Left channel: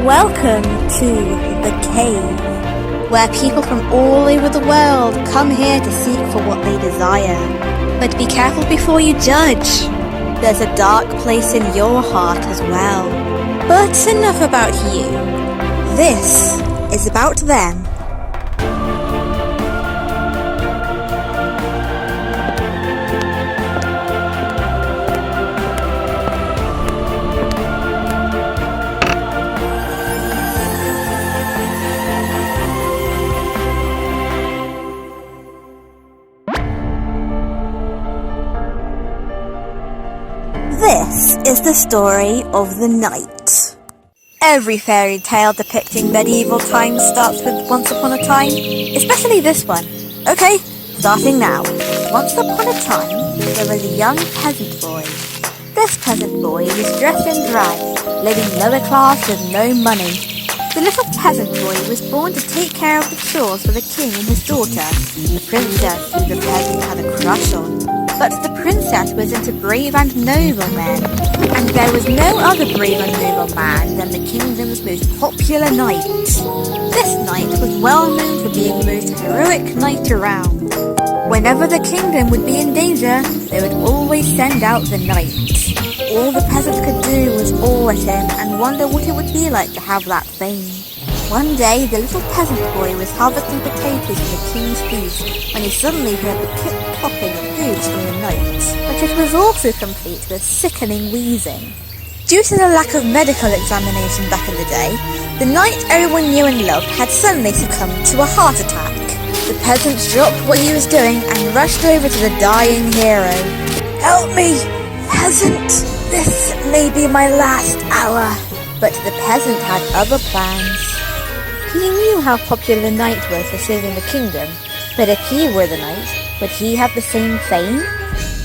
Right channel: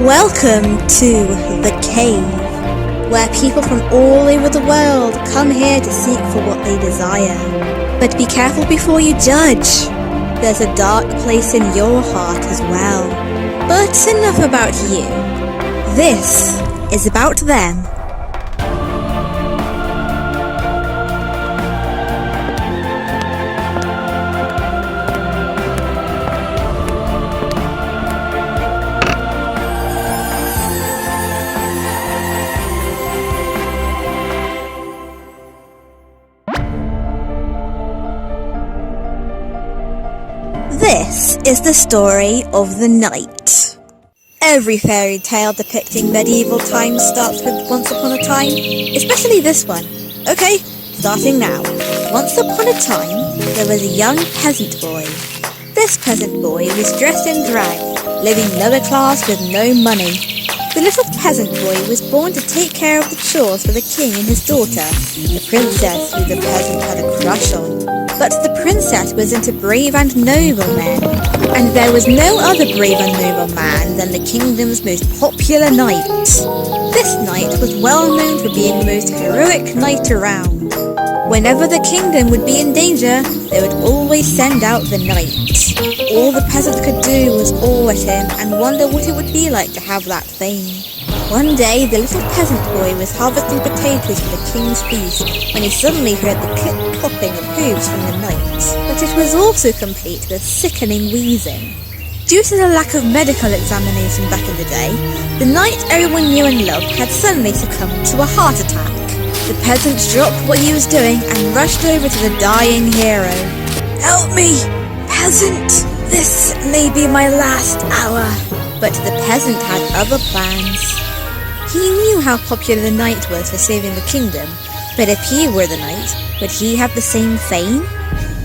Welcome to the cave, where people from all over the world come here to seek for what they desire. But be careful before you judge. There's a dark place in your heart as well. But enough about you. This is about them. This is the story of the knight. Every fairy tale depicting medieval times starts with once upon a time, especially this one. Okay, starting now. Once upon a time, there was a young peasant boy. This peasant boy was dressed in drag, living lower class with no money. The little peasant boy was born to take care of the chores for the king and his daughter, the princess who the peasant had a crush on. But the princess was into brave and noble men, and there was no other brave and noble man than the kingdom's most popular knight. This knight was well known for being the most heroic knight around. Whenever the kingdom would be in danger, they would always send out the knight. All the peasant could do was awe at him and wonder what it would be like to have that fame. One day, the little peasant boy was harvesting potatoes for the king's feast when he suddenly heard the clip-clopping of hooves from the knight. But it was also complete with sickening wheezing. Due to the lack of medical examination back in the day, the knight everyone knew and loved had suddenly succumbed to a heart attack. The peasant dropped what he was doing and rushed over to the dying hero. "Help me, peasant! This may be my last hour." But the peasant had other plans. He knew how popular the knight was for saving the kingdom, but if he were the knight, would he have the same fame?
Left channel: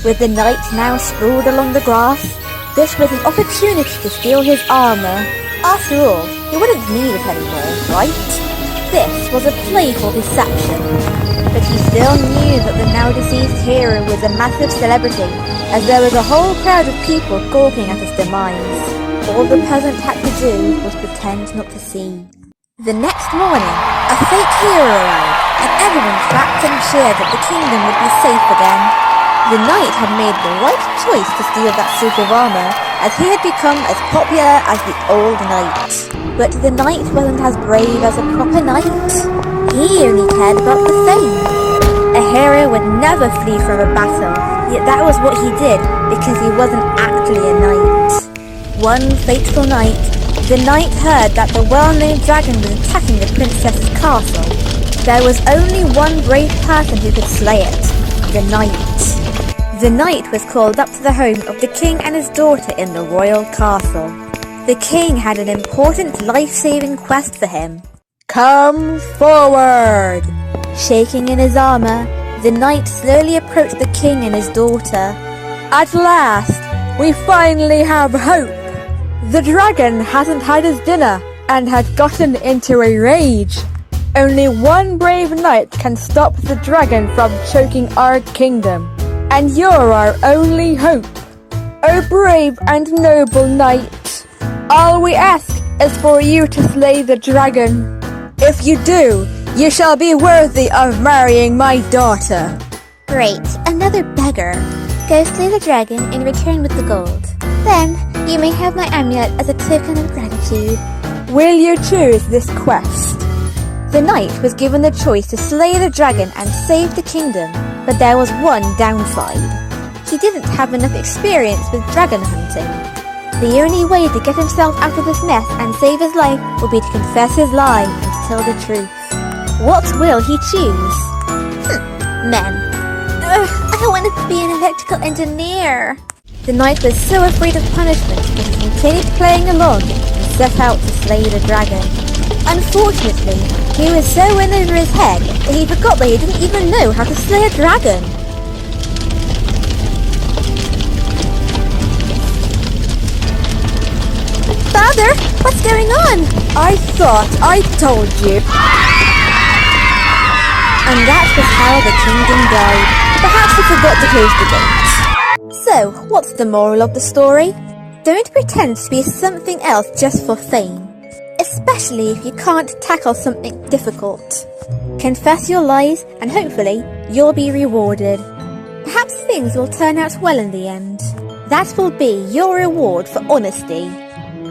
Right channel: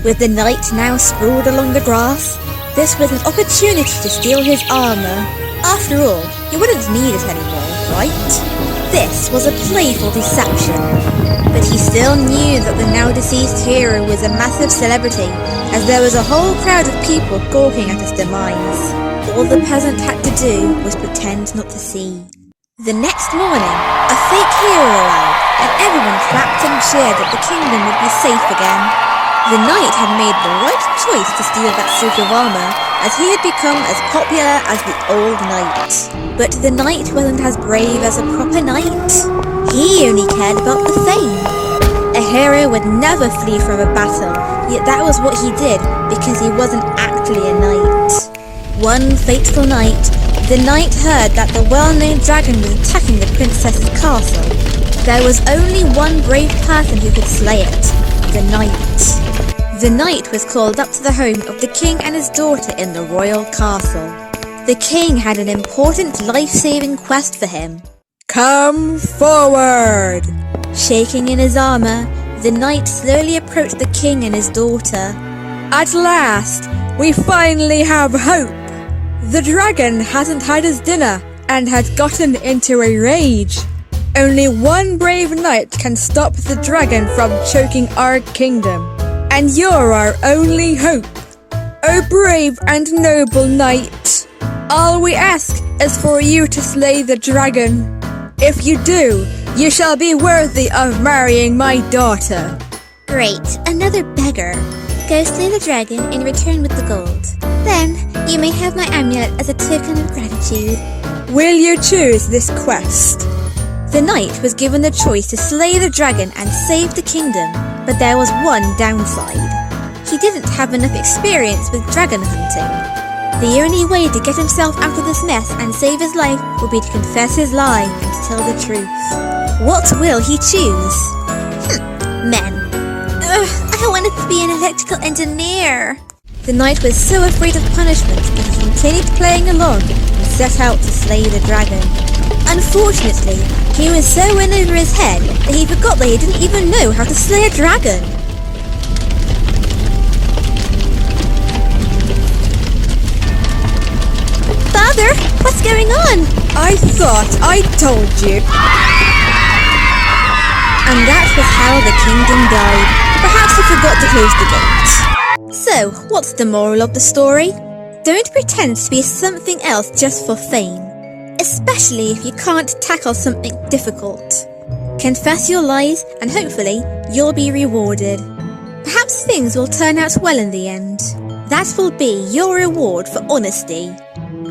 With the knight now sprawled along the grass, this was an opportunity to steal his armor. After all, he wouldn't need it anymore, right? This was a playful deception, but he still knew that the now-deceased hero was a massive celebrity, as there was a whole crowd of people gawking at his demise. All the peasant had to do was pretend not to see. The next morning, a fake hero arrived, and everyone clapped and cheered that the kingdom would be safe again. The knight had made the right choice to steal that suit of armor, as he had become as popular as the old knight. But the knight wasn't as brave as a proper knight. He only cared about the fame. A hero would never flee from a battle, yet that was what he did because he wasn't actually a knight. One fateful night, the knight heard that the well-known dragon was attacking the princess's castle. There was only one brave person who could slay it, the knight. The knight was called up to the home of the king and his daughter in the royal castle. The king had an important life-saving quest for him. "Come forward!" Shaking in his armor, the knight slowly approached the king and his daughter. "At last, we finally have hope! The dragon hadn't had his dinner and had gotten into a rage. Only one brave knight can stop the dragon from choking our kingdom, and you're our only hope. O brave and noble knight, all we ask is for you to slay the dragon." If you do, you shall be worthy of marrying my daughter. Great, another beggar. Go slay the dragon and return with the gold. Then, you may have my amulet as a token of gratitude. Will you choose this quest? The knight was given the choice to slay the dragon and save the kingdom, but there was one downside. He didn't have enough experience with dragon hunting. The only way to get himself out of this mess and save his life would be to confess his lie and to tell the truth. What will he choose? Men. I wanted to be an electrical engineer. The knight was so afraid of punishment that he continued playing along and set out to slay the dragon. Unfortunately, he was so in over his head that he forgot that he didn't even know how to slay a dragon. Father, what's going on? I thought I told you. And that was how the kingdom died. Perhaps he forgot to close the gate. So, what's the moral of the story? Don't pretend to be something else just for fame. Especially if you can't tackle something difficult. Confess your lies and hopefully you'll be rewarded. Perhaps things will turn out well in the end. That will be your reward for honesty.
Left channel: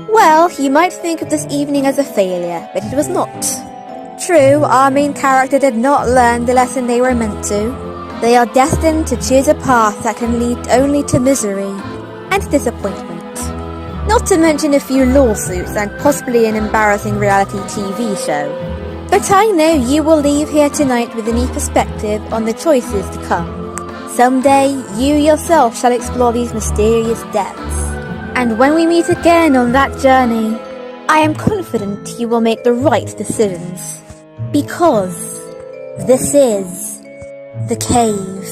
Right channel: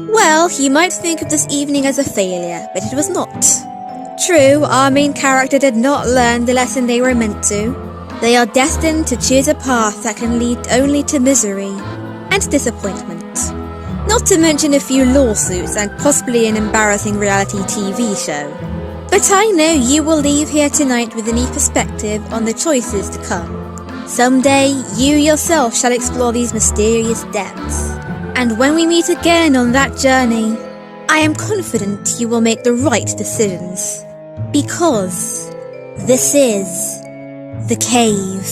Well, you might think of this evening as a failure, but it was not. True, our main character did not learn the lesson they were meant to. They are destined to choose a path that can lead only to misery and disappointment. Not to mention a few lawsuits and possibly an embarrassing reality TV show. But I know you will leave here tonight with a new perspective on the choices to come. Someday, you yourself shall explore these mysterious depths. And when we meet again on that journey, I am confident you will make the right decisions. Because this is the cave.